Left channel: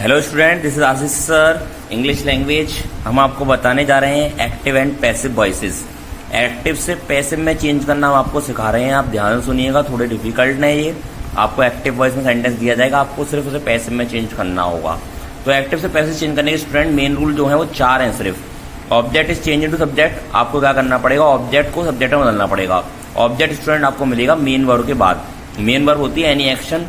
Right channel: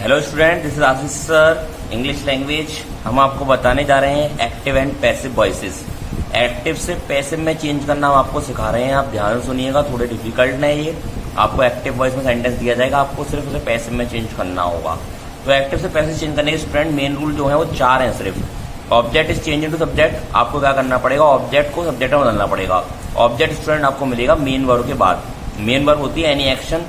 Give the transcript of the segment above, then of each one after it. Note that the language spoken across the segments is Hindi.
Hello student, this is Ashish sir, English language. हम आपको बताने जा रहे हैं active and passive voices. Active से पैसिव में चेंज करना हम आपको सिखा रहे हैं। आप ध्यान से सुनिएगा, थोड़े डिफिकल्ट नहीं ये। आपको एक्टिव वॉइस में सेंटेंस दिया जाएगा, आपको सिर्फ उसे पैसिव में चेंज करना होगा। तो एक्टिव से पैसिव चेंज करने के स्टूडेंट मेन रूल जो है वो 4 हैं सिर्फ। Object is change into subject. आपको क्या करना पड़ेगा, ऑब्जेक्ट को सब्जेक्ट में बदलना पड़ेगा। ऑब्जेक्ट स्टूडेंट आपको मिलेगा मेन वर्ब के बाद। मेन वर्ब होती है एनी एक्शन,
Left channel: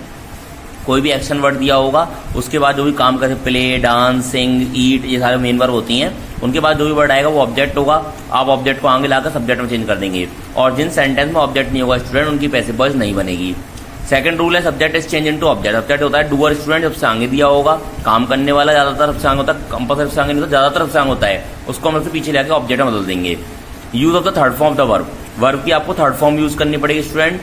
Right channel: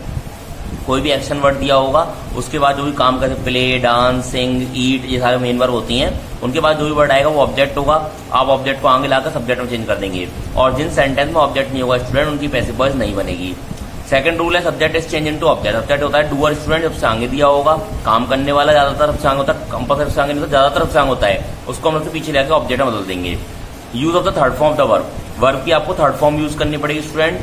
कोई भी एक्शन वर्ड दिया होगा उसके बाद जो भी काम करे, प्ले, डांस, सिंग, ईट, ये सारे मेन वर्ब होती हैं। उनके बाद जो भी वर्ड आएगा वो ऑब्जेक्ट होगा। आप ऑब्जेक्ट को आगे लाकर सब्जेक्ट में चेंज कर देंगे। और जिन सेंटेंस में ऑब्जेक्ट नहीं होगा स्टूडेंट, उनकी पैसिव वॉइस नहीं बनेगी। सेकंड रूल है subject is change into object. Object होता है डूअर स्टूडेंट, सबसे आगे दिया होगा। काम करने वाला ज्यादातर सबसे आगे होता है, कंपल्सरी सबसे आगे नहीं होता, ज्यादातर सबसे आगे होता है। उसको हम सबसे पीछे लेकर ऑब्जेक्ट में बदल देंगे। Use of the third form of the verb. Verb की आपको थर्ड फॉर्म यूज करनी पड़ेगी स्टूडेंट।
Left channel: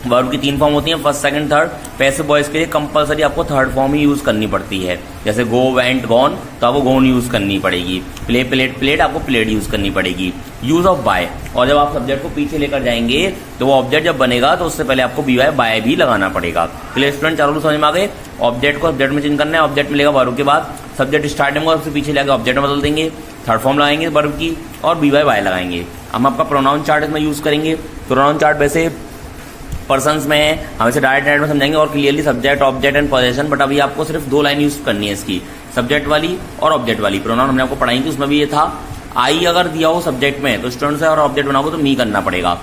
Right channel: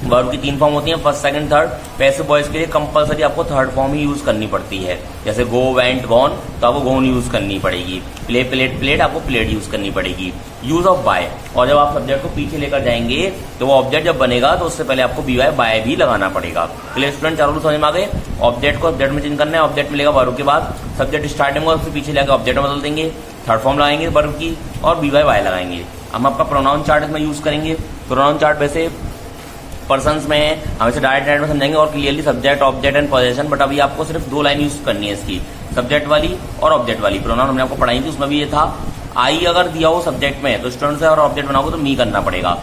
वर्ब की 3 फॉर्म होती हैं, first, second, third. Passive voice के लिए कंपलसरी आपको थर्ड फॉर्म ही यूज करनी पड़ती है। जैसे गो, वेंट, गॉन, तो आपको गोन यूज करनी पड़ेगी। प्ले, प्लेट, प्लेट, आपको प्लेट यूज करनी पड़ेगी। Use of by. और जब आप सब्जेक्ट को पीछे लेकर जाएंगे तो वो ऑब्जेक्ट जब बनेगा तो उससे पहले आपको बी वाई बाय भी लगाना पड़ेगा। चलिए स्टूडेंट, चारों समझ में आ गए। ऑब्जेक्ट को सब्जेक्ट में चेंज करना है। ऑब्जेक्ट मिलेगा वर्ब के बाद, सब्जेक्ट स्टार्टिंग में उससे पीछे लेकर ऑब्जेक्ट में बदल देंगे। थर्ड फॉर्म लगाएंगे वर्ब की और बी वाई बाय लगाएंगे। हम आपका प्रोनाउन चार्ट इसमें यूज करेंगे। प्रोनाउन चार्ट वैसे पर्सन्स में है, हम इसे डायरेक्ट में समझेंगे और clearly subject, object and possession. But अभी आपको सिर्फ 2 लाइन यूज करनी है इसकी, सब्जेक्ट वाली और ऑब्जेक्ट वाली। प्रोनाउन हमने आपको पढ़ाई थी, उसमें भी ये था। आई अगर दिया हो सब्जेक्ट में तो स्टूडेंट से और ऑब्जेक्ट बनाओगे तो मी करना पड़ेगा।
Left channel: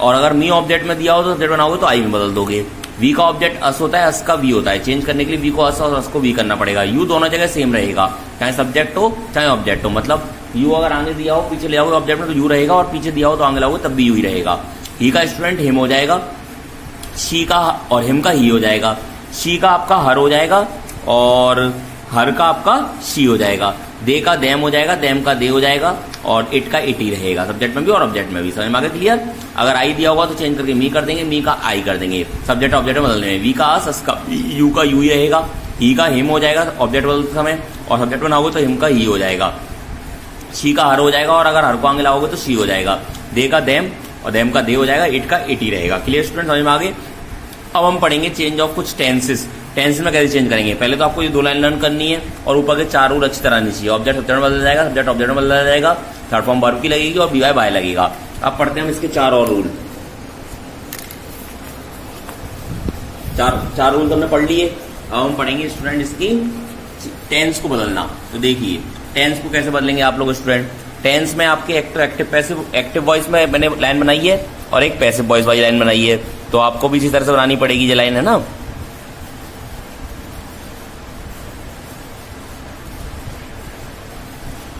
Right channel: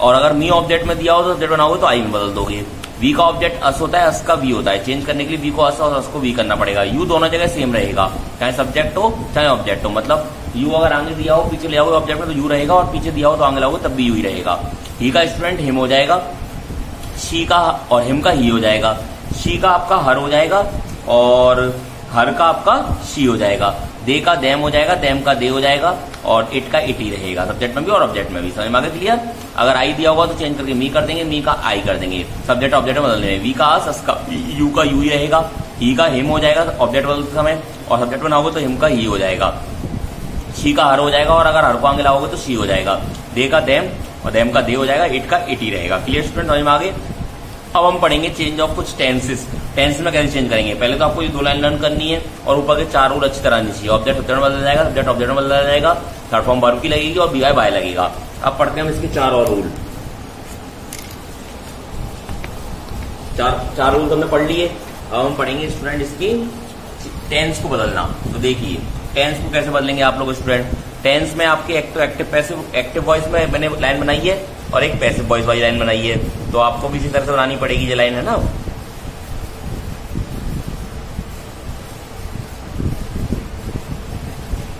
और अगर मी ऑब्जेक्ट में दिया हो तो सब्जेक्ट बनाओगे तो आई में बदल दोगे। वी का ऑब्जेक्ट अस होता है, अस का वी होता है। चेंज करने के लिए वी को अस और अस को वी करना पड़ेगा। यू दोनों जगह सेम रहेगा, चाहे सब्जेक्ट हो चाहे ऑब्जेक्ट हो। मतलब यू अगर आगे दिया हो पीछे ले आओगे ऑब्जेक्ट में तो यू रहेगा, और पीछे दिया हो तो आगे लाओगे तब भी यू ही रहेगा। ही का स्टूडेंट हिम हो जाएगा, शी का और हिम का ही हो जाएगा। शी का आपका हर हो जाएगा और हर का आपका शी हो जाएगा। दे का देम हो जाएगा, देम का दे हो जाएगा और इट का इट ही रहेगा, सब्जेक्ट में भी और ऑब्जेक्ट में भी। समझ में आ गया क्लियर। अगर आई दिया होगा तो चेंज करके मी कर देंगे, मी का आई कर देंगे, सब्जेक्ट ऑब्जेक्ट में बदल देंगे। वी का अस का यू का यू ही रहेगा। ही का हिम हो जाएगा ऑब्जेक्ट बदलते समय, और सब्जेक्ट बनाओगे तो हिम का ही हो जाएगा। शी का हर हो जाएगा और अगर हर को आगे लाओगे तो शी हो जाएगा। दे का देम और देम का दे हो जाएगा, इट का इट ही रहेगा। क्लियर स्टूडेंट, समझ में आगे। अब हम पढ़ेंगे चेंज ऑफ कुछ टेंसेस। टेंस में कैसे चेंज करेंगे। पहले तो आपको ये 2 लाइन लर्न करनी है और ऊपर के 4 रूल अच्छी तरह आनी चाहिए। ऑब्जेक्ट सब्जेक्ट में बदल जाएगा, सब्जेक्ट ऑब्जेक्ट में बदल जाएगा, थर्ड फॉर्म वर्ब की लगेगी और बी वाई बाय लगेगा। अब पढ़ते हैं हम इसके 4 और रूल। 4 रूल तो हमने पढ़ लिए। अब हम पढ़ेंगे स्टूडेंट इसकी टेंस को बदलना। तो देखिए टेंस को कैसे बदलेंगे आप लोग स्टूडेंट। टेंस में आपके एक्टिव पैसिव, एक्टिव वॉइस में मैंने लाइन बनाई है और एक पैसिव वॉइस वाली लाइन बनाई है, तो आपको भी इसी तरह से बनानी पड़ेगी। ये लाइन है ना,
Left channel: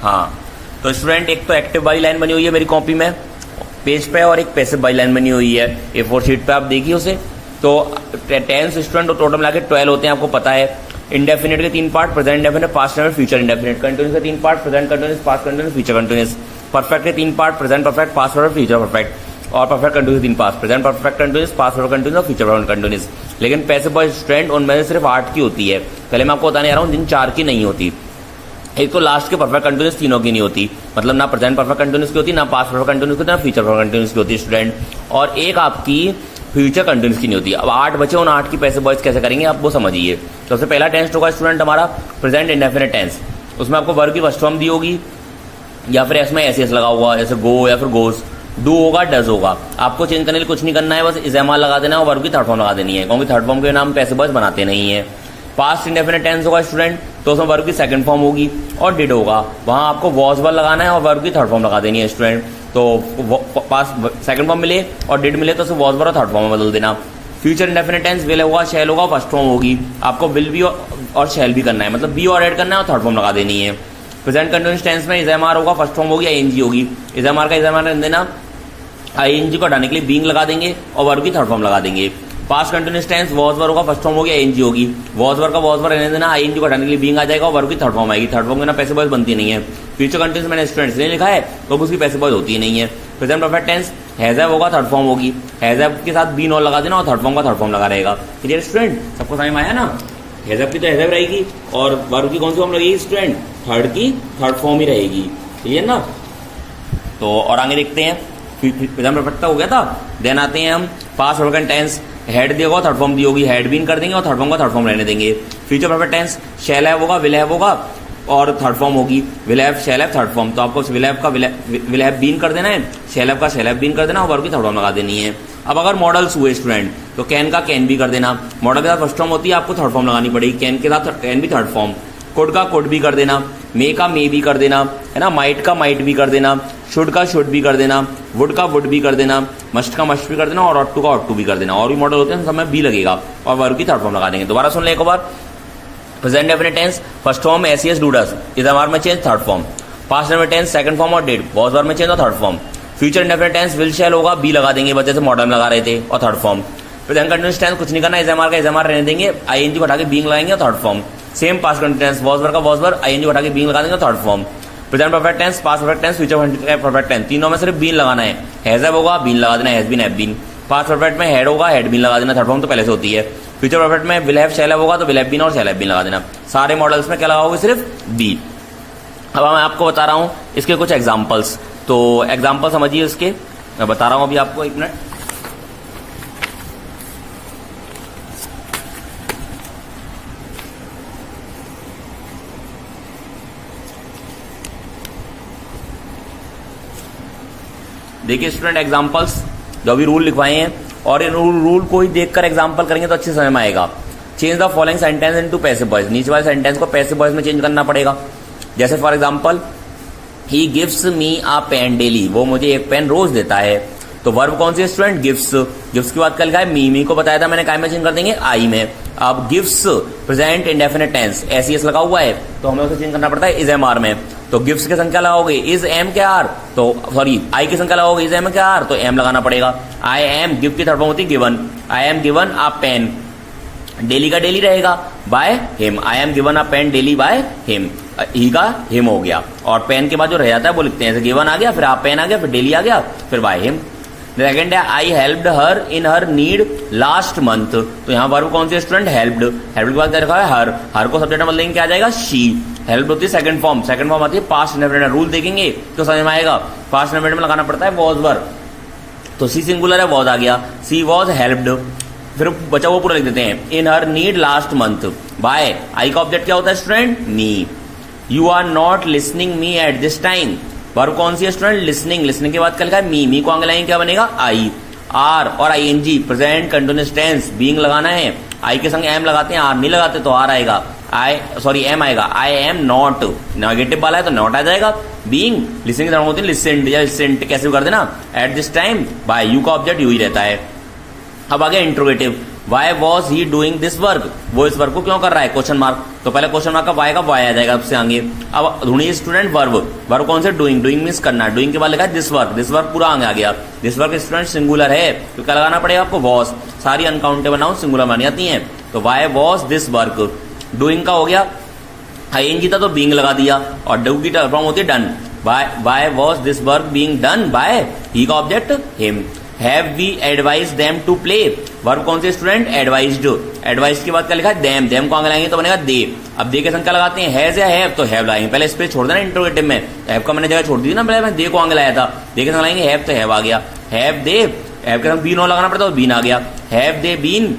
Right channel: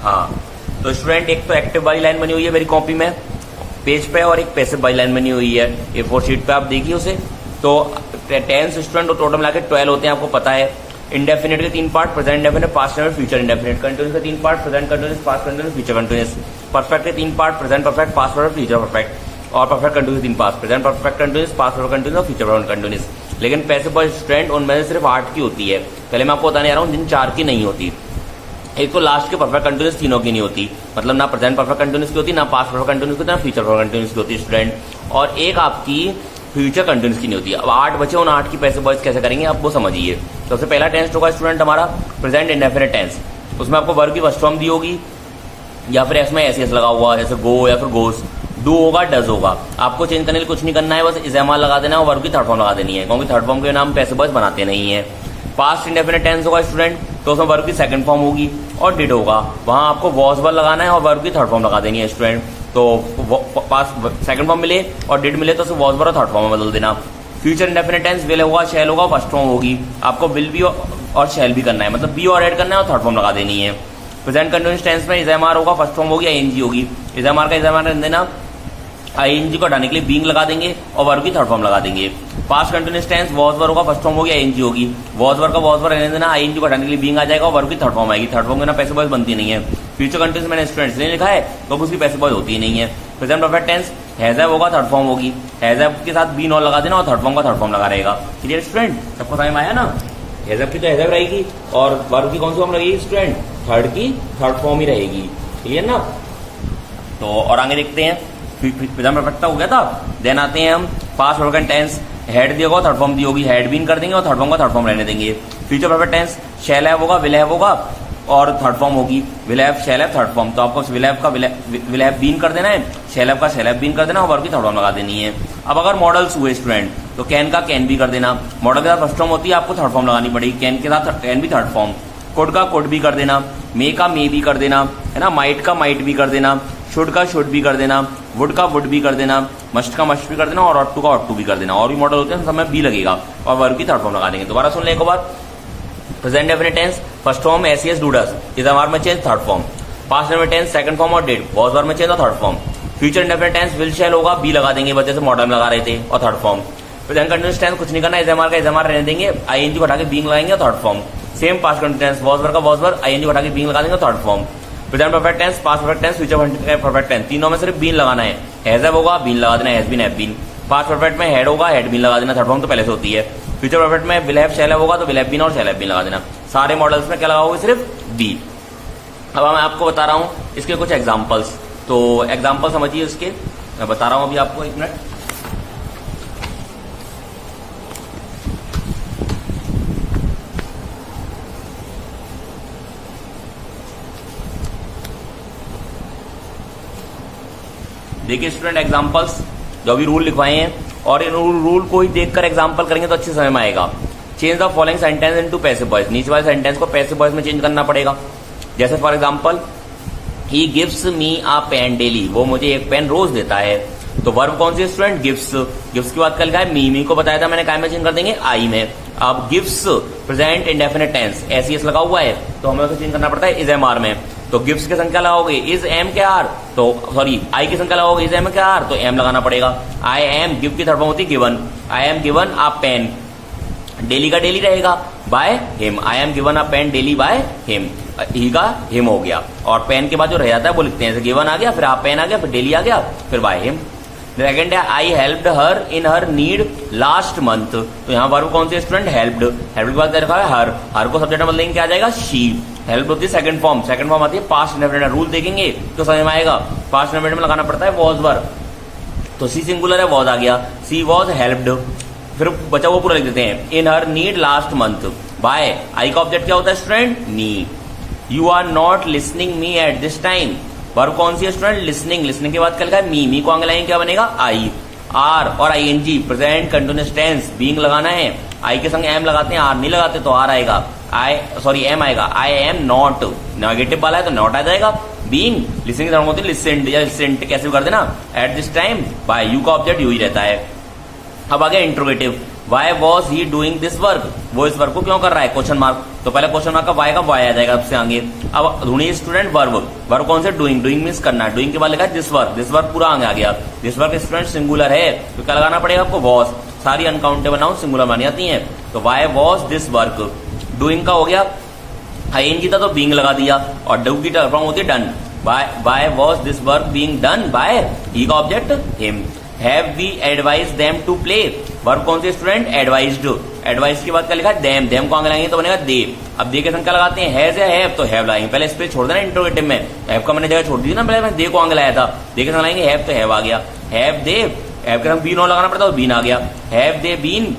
हाँ। तो स्टूडेंट एक तो एक्टिव वाली लाइन बनी हुई है मेरी कॉपी में पेज पे, और एक पैसिव वाली लाइन बनी हुई है A4 शीट पे, आप देखिए उसे। तो टेंस स्टूडेंट टोटल मिला के 12 होते हैं, आपको पता है। इंडेफिनिट के 3 part, present indefinite, past indefinite, future indefinite. Continuous के 3 part, present continuous, past continuous, future continuous. Perfect के 3 part, present perfect, past perfect, future perfect. और perfect continuous 3 part, present perfect continuous, past perfect continuous और फ्यूचर कंटिन्यूस। लेकिन पैसिव वॉइस स्टूडेंट उनमें से सिर्फ 8 की होती है। पहले मैं आपको बताने जा रहा हूँ जिन 4 की नहीं होती। एक तो लास्ट के परफेक्ट कंटिन्यूस तीनों की नहीं होती, मतलब ना प्रेजेंट परफेक्ट कंटिन्यूस की होती, ना पास्ट परफेक्ट कंटिन्यूस की होती, ना फ्यूचर परफेक्ट कंटिन्यूस की होती स्टूडेंट। और एक आपकी फ्यूचर कंटिन्यूस की नहीं होती। अब 8 बचे, उन 8 की पैसिव वॉइस कैसे करेंगे आप वो समझिए। सबसे पहला टेंस होगा स्टूडेंट हमारा प्रेजेंट इंडेफिनिट टेंस। उसमें आपको वर्ब की फर्स्ट फॉर्म दी होगी या फिर इसमें एस लगा हुआ, जैसे गो या फिर गोस। डू होगा, डज होगा। आपको चेंज करने के लिए कुछ नहीं करना है, बस इस्तेमाल लगा देना है और वर्ब की थर्ड फॉर्म लगा देनी है, क्योंकि थर्ड फॉर्म के नाम पैसिव वॉइस बनाते नहीं है। पास्ट इंडेफिनिट टेंस होगा स्टूडेंट, तो उसमें वर्ब की सेकंड फॉर्म होगी। और डिड होगा, वहां आपको वॉज वर्ब लगाना है और वर्ब की थर्ड फॉर्म लगा देनी है स्टूडेंट। तो पास्ट सेकंड फॉर्म मिले और डिड मिले तो उसे वॉज वर्ब और थर्ड फॉर्म में बदल देना। फ्यूचर इंडेफिनिट टेंस विल होगा, शैल होगा, फर्स्ट फॉर्म होगी। आपको विल भी और शैल भी करना है, मतलब बी और ऐड करना है और थर्ड फॉर्म लगा देनी है। प्रेजेंट कंटिन्यूस टेंस में इज़ामार होगा, फर्स्ट फॉर्म होगी, आईएनजी होगी। इज़ामार का इज़ामार देना, आईएनजी को हटाने के लिए बीइंग लगा देंगे और वर्ब की थर्ड फॉर्म लगा देंगे। Past continuous tense was verb होगा, फर्स्ट फॉर्म होगी, आईएनजी होगी। वॉज वर्ब का वॉज वर्ब रहने देना, आईएनजी को हटाने के लिए बीइंग आ जाएगा और वर्ब की थर्ड फॉर्म आएगी। थर्ड फॉर्म के ना पैसिव वॉइस बनती नहीं है। फ्यूचर कंटिन्यूस मैंने स्टूडेंट्स ने लिखा है तो उसकी पैसिव वॉइस होती ही नहीं है। प्रेजेंट परफेक्ट टेंस हैज़ होगा, थर्ड फॉर्म होगी। हैज़ के साथ बीन और लगा देना और थर्ड फॉर्म का थर्ड फॉर्म लगा रहेगा। क्लियर स्टूडेंट, सबको समझ में आया ना। हैज़ की तो हैज़ रहेगी और वर्ब की कौन सी फॉर्म लगेगी स्टूडेंट, थर्ड की थर्ड फॉर्म ही रहेगी। क्लियर ना। तो और आगे देखते हैं, प्रेजेंट परफेक्ट हो गया था। देन आते हैं हम पास्ट परफेक्ट टेंस। हेड दिया होगा, थर्ड फॉर्म दी होगी, हैड बीन कर देंगे और थर्ड फॉर्म का थर्ड फॉर्म रहने देंगे। Future perfect tense shall have होगा, विल हैव होगा और थर्ड फॉर्म होगी will have, shall have, third form. तो आपको विल हैव का विल हैव बीन कर देना है, शैल हैव का शैल हैव बीन कर देना और वर्ब की थर्ड फॉर्म लगा देनी है। अब अगर मॉडल्स हुए स्टूडेंट तो कैन का कैन भी कर देना, मॉडल के साथ फर्स्ट फॉर्म होती है आपको थर्ड फॉर्म लगानी पड़ेगी, कैन के साथ कैन भी थर्ड फॉर्म, कुड का कुड भी कर देना, मे का मे भी कर देना है ना, माइट का माइट भी कर देना, शुड का शुड भी कर देना, वुड का वुड भी कर देना, मस्ट का मस्ट भी कर देना और ऑट टू का ऑट टू भी कर देना। और भी मॉडल होते हैं समय बी लगेगा और वर्ब की थर्ड फॉर्म लगा देंगे। दोबारा सुन ले एक बार, present definite tense first form ACS do does, is verb में change third form, past definite tense second form और डिड, वाज वर्ब में चेंज और third form. Future definite tense will shall होगा, बी लगा देंगे बच्चे से मॉडल में लगा रहे थे और third form. Present continuous tense कुछ नहीं करना, इजएमआर का इजएमआर रहने देंगे, आईएनजी को हटा के बीइंग लगाएंगे और third form. Same past continuous tense was verb का वाज वर्ब, आईएनजी को हटा के बीइंग लगा देंगे third form. Present perfect tense, past perfect tense, future perfect tense, तीनों में सिर्फ बीन लगाना है, हैज हैव होगा बीन लगा देना, has been have been. Past perfect में हेड होगा, हेड बीन लगा देना, थर्ड फॉर्म तो पहले से होती है। फ्यूचर परफेक्ट में विल हैव शैल हैव होगा तो विल हैव बीन और शैल हैव बीन लगा देना। सारे मॉडल्स में क्या लगाओगे, सिर्फ बी। अब मैं आपको बता रहा हूं इसके कुछ एग्जांपल्स, तो एग्जांपल समझिए इसके, मैं बता रहा हूं अभी आपको, एक मिनट। देखिए स्टूडेंट एग्जांपल्स जो अभी रूल लिखवाए हैं और इन रूल को ही देखकर एग्जांपल करेंगे तो अच्छे समझ में आएगा। Change the following sentence into passive voice, नीचे वाले सेंटेंस को पैसिव वॉइस में चेंज करना पड़ेगा। जैसे for example he gives me a pen daily, वो मुझे एक पेन रोज देता है। तो वर्ब कौन सी है स्टूडेंट, गिव्स। गिव्स की बात कर लिखा है मी को बताया था मैंने, काय में चेंज कर देंगे, आई में। अब गिव्स प्रेजेंट इंडेफिनिट टेंस, एसीएस लगा हुआ है तो हमें उसे चेंज करना पड़ता है इज एम आर में। तो गिव्स की संख्या लगाओगे इज एम के आर, तो सॉरी आई की संख्या लगाओगे इज एम के आर तो एम लगाना पड़ेगा। आई एम, गिव की थर्ड फॉर्म होती है given, I am given a pen, daily का डेली रहेगा by him, I am given a pen daily by him, he का हिम हो गया और पेन के बाद जो रह जाता है वो लिखते हैं, गिवन आ गया, फिर आप पेन आ गया, फिर डेली आ गया, फिर बाय हिम। सेकेंड है आई हेल्प्ड हर इन हर नीड लास्ट मंथ, तो यहाँ वर्ब कौन सी स्टूडेंट, हेल्प्ड। हेल्प के बाद क्या लिखा है, हर को सब्जेक्ट में बदलेंगे क्या आ जाएगा, शी। हेल्प होती है सेकंड फॉर्म, सेकंड फॉर्म आती है पास्ट इंडेफिनिट। रूल देखेंगे तो समझ में आएगा, पास्ट इंडेफिनिट में लगाना पड़ता है वॉज वर्ब, तो सी सिंगुलर है वॉज आ गया, सी वॉज हेल्प्ड, फिर बचा वो पूरा लिख देते हैं in her need last month by, I का ऑब्जेक्ट क्या होता है student, me. You are not listening me at this time, verb कौन सी है स्टूडेंट, लिसनिंग। लिसनिंग के बाद क्या लिखा है, मी को आगे लाएंगे क्या बनेगा, आई। आर और ING present continuous tense, being लगाना है, आई के संग एम लगाते हैं, आर नहीं लगाते तो आर आएगा, एम आएगा। आई एम नॉट, नेगेटिव वाला है तो नॉट आ जाएगा। बीइंग, लिसनिंग की तरह होती है लिसेंट या लिसेंट, कैसे भी कर देना, at this time by, you का ऑब्जेक्ट यू ही रहता है। अब आगे interrogative, why was he doing this work, वो इस वर्क को क्यों कर रहा है, क्वेश्चन मार्क, तो पहले क्वेश्चन मार्क का वाई आ जाएगा उससे आगे। अब ढूंढिए स्टूडेंट वर्ब कौन से, डूइंग। डूइंग मीन्स करना, डूइंग के बाद लिखा है दिस वर्क पूरा आगे आ गया। दिस वर्क स्टूडेंट सिंगुलर है तो क्या लगाना पड़ेगा आपको, वॉज। सारी अनकाउंटेबल नाउन सिंगुलर मानी जाती है, तो Y was this work. Doing का हो गया, आईएनजी था तो बीइंग लगा दिया और डू की फॉर्म होती है done, why was this work being done by, he का object him. Have we advise them to play, verb कौन से स्टूडेंट, एडवाइज्ड। एडवाइज के बाद क्या लिखा है, देम को आगे लाएंगे तो बनेगा दे। अब दे के संख्या लगाते हैं, हैज या हैव, तो हैव लाएंगे, पहले स्पेस छोड़ देना इंट्रोगेटिव में, हैव का मैंने जगह छोड़ दी ना, पहले मैं दे को आगे लाया था, दे के संग लाएंगे हैव तो हैव आ गया, हैव दे, हैव के संग बीन और लगाना पड़ता है बीन आ गया, have they been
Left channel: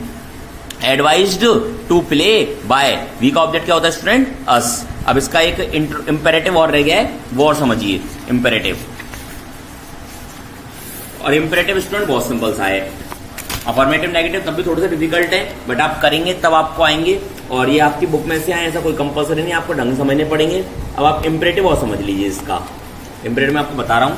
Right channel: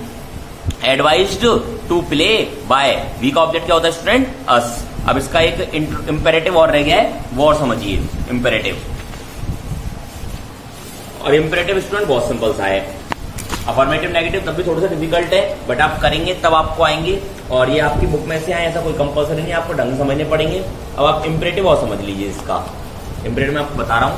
advised to play by, we का ऑब्जेक्ट क्या होता है स्टूडेंट, अस। अब इसका एक इंपेरेटिव और रह गया है, वो और समझिए इंपेरेटिव। और इंपेरेटिव स्टूडेंट बहुत सिंपल सा है, अफर्मेटिव नेगेटिव तब भी थोड़ा सा डिफिकल्ट है, बट आप करेंगे तब आपको आएंगे, और ये आपकी बुक में से आए, ऐसा कोई कंपल्सरी नहीं, आपको ढंग समझने पड़ेंगे। अब आप इंपेरेटिव और समझ लीजिए इसका। इंपेरेटिव मैं आपको बता रहा हूं,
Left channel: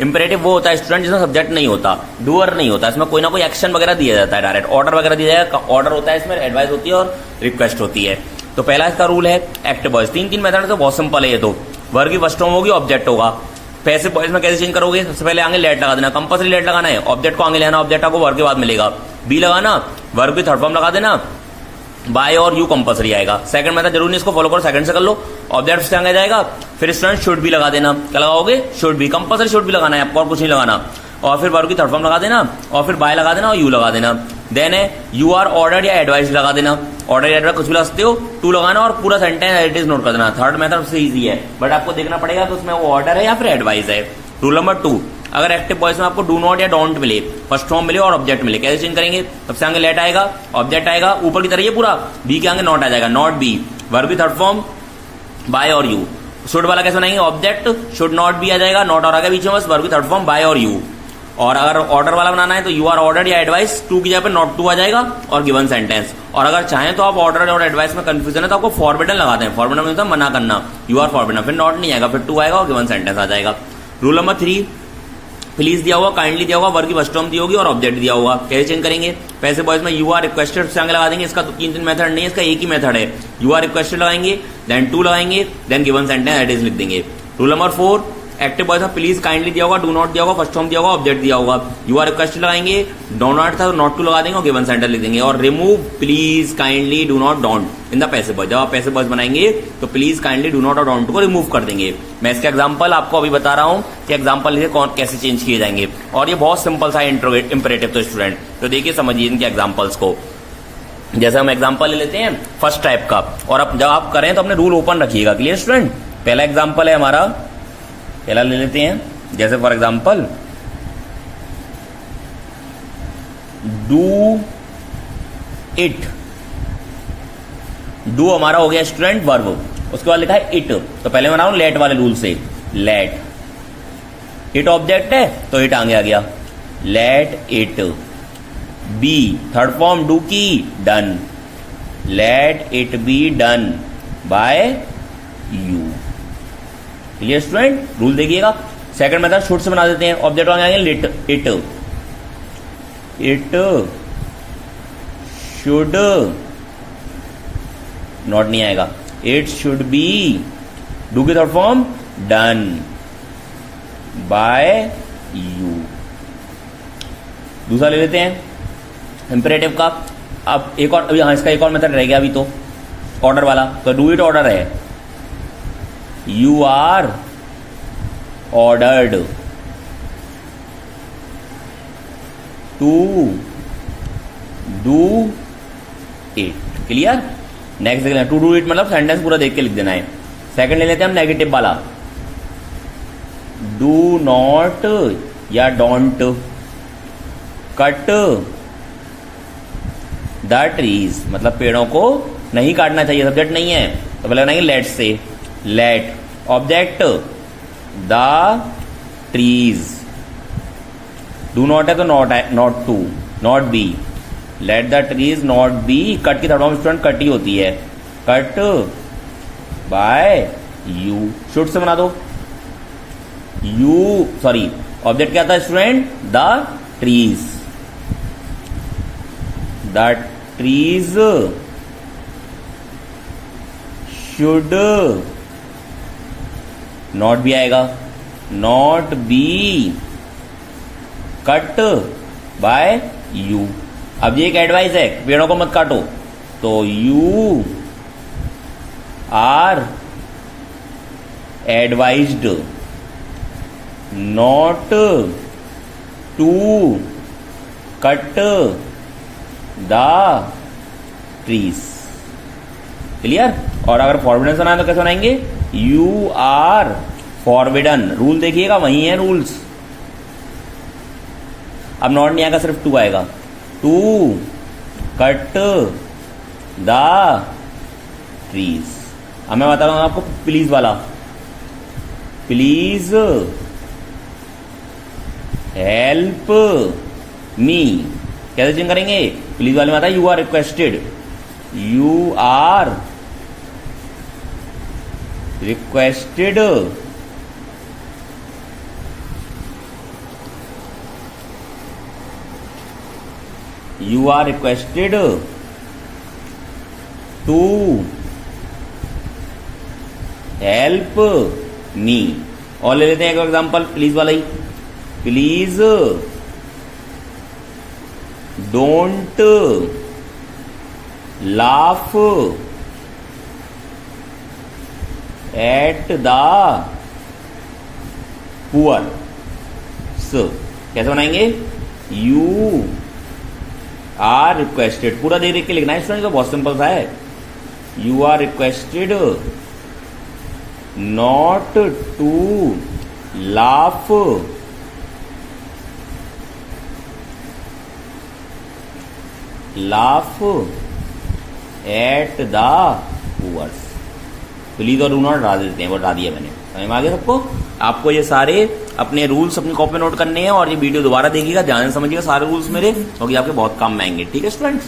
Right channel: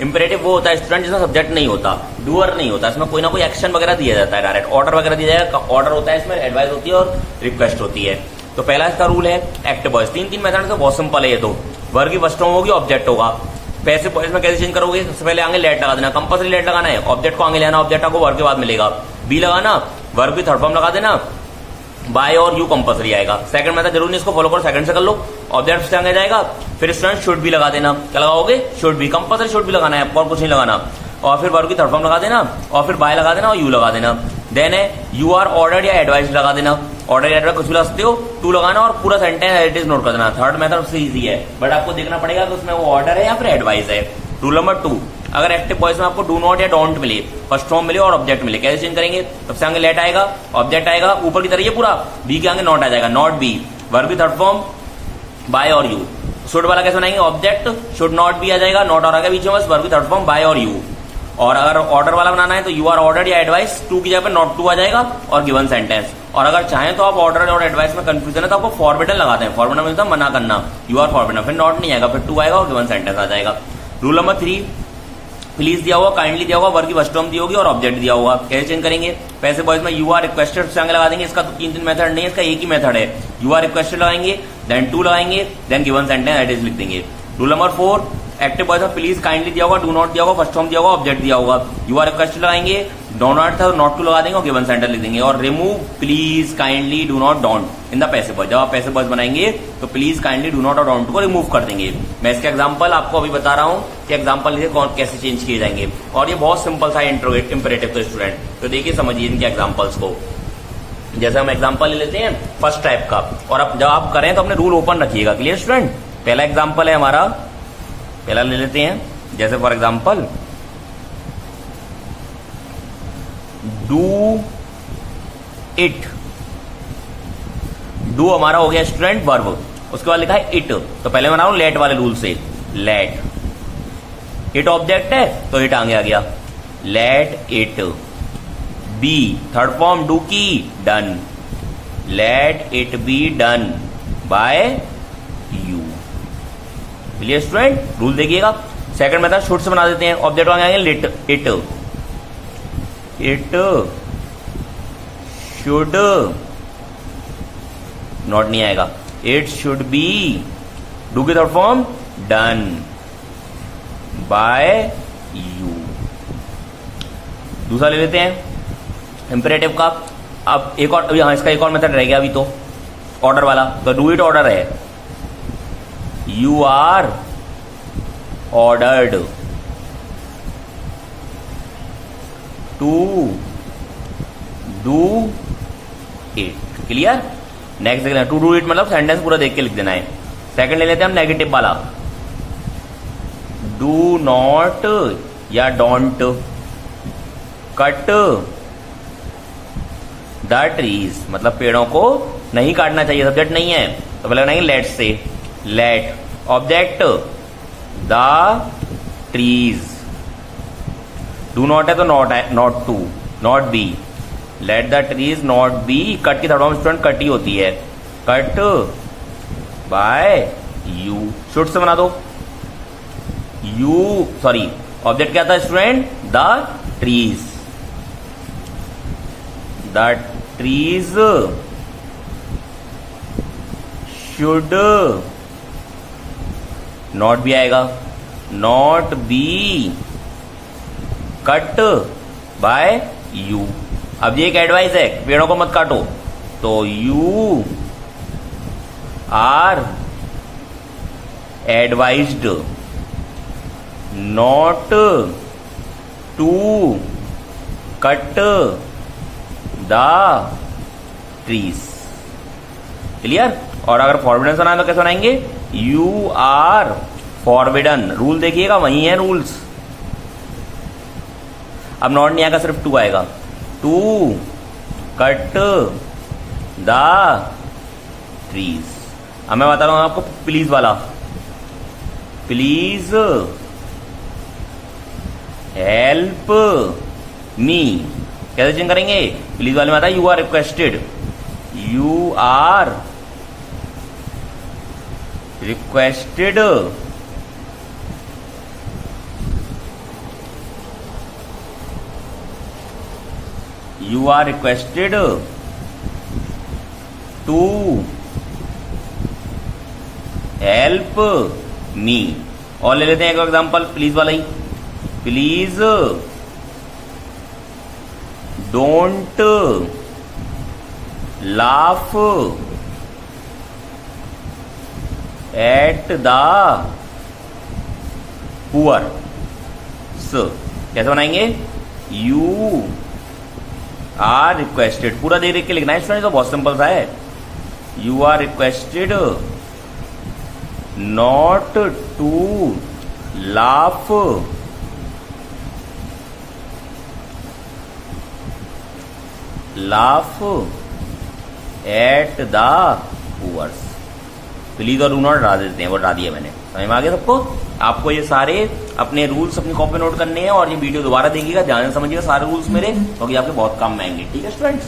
इंपेरेटिव वो होता है स्टूडेंट जिसमें सब्जेक्ट नहीं होता, डूअर नहीं होता, इसमें कोई ना कोई एक्शन वगैरह दिया जाता है, डायरेक्ट ऑर्डर वगैरह दिया जाएगा, ऑर्डर होता है इसमें, एडवाइस होती है और रिक्वेस्ट होती है। तो पहला इसका रूल है एक्टिव वॉइस, तीन मेथड से बहुत सिंपल है ये, तो वर्ब की फर्स्ट फॉर्म होगी, ऑब्जेक्ट होगा। पैसिव वॉइस में कैसे चेंज करोगे, सबसे पहले आगे लेट लगा देना, कंपल्सरी लेट लगाना है, ऑब्जेक्ट को आगे लेना, ऑब्जेक्ट आपको वर्ब के बाद मिलेगा, बी लगाना, वर्ब की थर्ड फॉर्म लगा देना, बाय और यू कंपल्सरी आएगा। सेकंड मेथड जरूर नहीं, इसको फॉलो करो, सेकंड से कर लो, ऑब्जेक्ट से आगे जाएगा, फिर स्टूडेंट शुड भी लगा देना, क्या लगाओगे, शुड भी, कंपल्सरी शुड भी लगाना है आपको और कुछ नहीं लगाना, और फिर वर्ब की थर्ड फॉर्म लगा देना, और फिर बाय लगा देना और यू लगा देना। देन है यू आर ऑर्डर या एडवाइस लगा देना, ऑर्डर या एडवाइस कुछ भी लगा सकते हो, टू लगाना और पूरा sentence as it is note कर देना। थर्ड मेथड सबसे इजी है, बट आपको देखना पड़ेगा तो उसमें वो ऑर्डर है या फिर एडवाइस है। रूल नंबर 2, अगर एक्टिव वॉइस में आपको डू नॉट या डोंट मिले, फर्स्ट फॉर्म मिले और ऑब्जेक्ट मिले, कैसे चेंज करेंगे? सबसे आगे लेट आएगा, ऑब्जेक्ट आएगा ऊपर की तरह ये पूरा, बी के आगे नॉट आ जाएगा, नॉट बी, वर्ब की थर्ड फॉर्म बाय और यू। शुड वाला कैसे बनाएंगे? ऑब्जेक्ट शुड नॉट बी आ जाएगा, नॉट और आगे बीच में बस, वर्ब की थर्ड फॉर्म बाय और यू। और अगर ऑर्डर वाला बनाना है तो यू आर ऑर्डर्ड या एडवाइस, टू की जगह पे नॉट टू आ जाएगा और गिवन सेंटेंस। और अगर चाहें तो आप ऑर्डर और एडवाइस में कंफ्यूजन है तो आपको फॉरबिडन लगाते हैं, फॉरबिडन मतलब मना करना, यू आर फॉरबिडन, फिर नॉट नहीं आएगा, फिर टू आएगा और गिवन सेंटेंस आ जाएगा। रूल नंबर 3, प्लीज दिया हुआ, काइंडली दिया हुआ, वर्ब की फर्स्ट फॉर्म दी होगी और ऑब्जेक्ट दिया होगा, कैसे चेंज करेंगे? पैसे बॉयज में यू आर रिक्वेस्टेड से आगे लगा देंगे, इसका तो 3 मेथड नहीं है, इसका एक ही मेथड है, यू आर रिक्वेस्टेड लगाएंगे, देन टू लगाएंगे, then given sentence as is लिख देंगे। रूल नंबर 4, एक्टिव वॉइस में प्लीज काइंडली दिया होगा, डू नॉट दिया होगा, फर्स्ट फॉर्म दिया होगा, ऑब्जेक्ट दिया होगा, यू आर रिक्वेस्टेड लगाएंगे, डो नॉट था नॉट टू लगा देंगे और गिवन सेंटेंस लिख देंगे। और remove please kindly do not don't in the passive voice, जब आप पैसिव वॉइस बनाएंगे तो प्लीज काइंडली डू नॉट और डोंट को रिमूव कर देंगे। मैं इसका एग्जांपल आपको अभी बता रहा हूं कि एग्जांपल लिखे कौन कैसे चेंज किए जाएंगे, और ये बहुत सिंपल सा इंपरेटिव तो स्टूडेंट, तो देखिए समझिए इनके एग्जांपल्स को। जैसे हम एग्जांपल ले लेते हैं फर्स्ट टाइप का, और अब जब आप करें तो अपने रूल ओपन रखिएगा, क्लियर स्टूडेंट। पहला एग्जांपल है हमारा, पहला ले लेते हैं, जैसे for example do it, do हमारा हो गया स्टूडेंट वर्ब, उसके बाद लिखा है इट, तो पहले बना लेट वाले रूल से, लेट, इट ऑब्जेक्ट है तो इट आगे आ गया, let it be, third form do की, done, let it be done by you, clear student. Rule देखिएगा। सेकंड मेथड शुड से बना देते हैं, ऑब्जेक्ट आगे आएंगे let, it, it should, not नहीं आएगा, इट शुड बी, डू की third form done by you. दूसरा ले लेते हैं इंपरेटिव का। अब एक और, यहां इसका एक और मेथड रह गया अभी तो, ऑर्डर वाला, तो डू इट ऑर्डर है, you are ordered to do it, clear. Next देख लेना, टू डू इट मतलब सेंटेंस पूरा देख के लिख देना है। सेकंड ले लेते हैं हम नेगेटिव वाला, डू नॉट या डोंट कट द ट्रीज, मतलब पेड़ों को नहीं काटना चाहिए, सब्जेक्ट नहीं है तो पहले बनाएंगे लेट से, let object the trees, do not है तो नॉट है, not to, not be, let the trees not be, cut की थर्ड फॉर्म स्टूडेंट कट ही होती है, कट बाय यू। शुड से बना दो, यू सॉरी ऑब्जेक्ट क्या था student, the trees, the trees should, not भी आएगा, not be cut by you. अब ये एक एडवाइस है, पेड़ों को मत काटो, तो you are advised not to cut the trees, clear. और अगर फॉरबिडन सुना है तो कैसे बनाएंगे, यू आर फॉरबिडन, रूल देखिएगा वही है रूल्स। अब नॉट नहीं आएगा, सिर्फ टू आएगा, टू कट द ट्रीज। अब मैं बता रहा हूं आपको प्लीज वाला, प्लीज हेल्प मी, कैसे चेंज करेंगे? प्लीज वाले में आता है you are requested, you are requested you are requested to help me। और ले लेते हैं एक एग्जांपल प्लीज वाला ही, please don't laugh at the poor, कैसे बनाएंगे, यू आर रिक्वेस्टेड, पूरा देख के लिखना है स्टूडेंट, तो बहुत सिंपल सा है, you are requested not to laugh laugh at the poors. Please और डू नॉट हटा देते हैं, वो हटा दिया मैंने। समझ में आ गया सबको? आपको ये सारे अपने रूल्स अपनी कॉपी नोट करने हैं और ये वीडियो दोबारा देखिएगा, ध्यान से समझिएगा सारे रूल्स मेरे, क्योंकि आपके बहुत काम में आएंगे। ठीक है स्टूडेंट्स?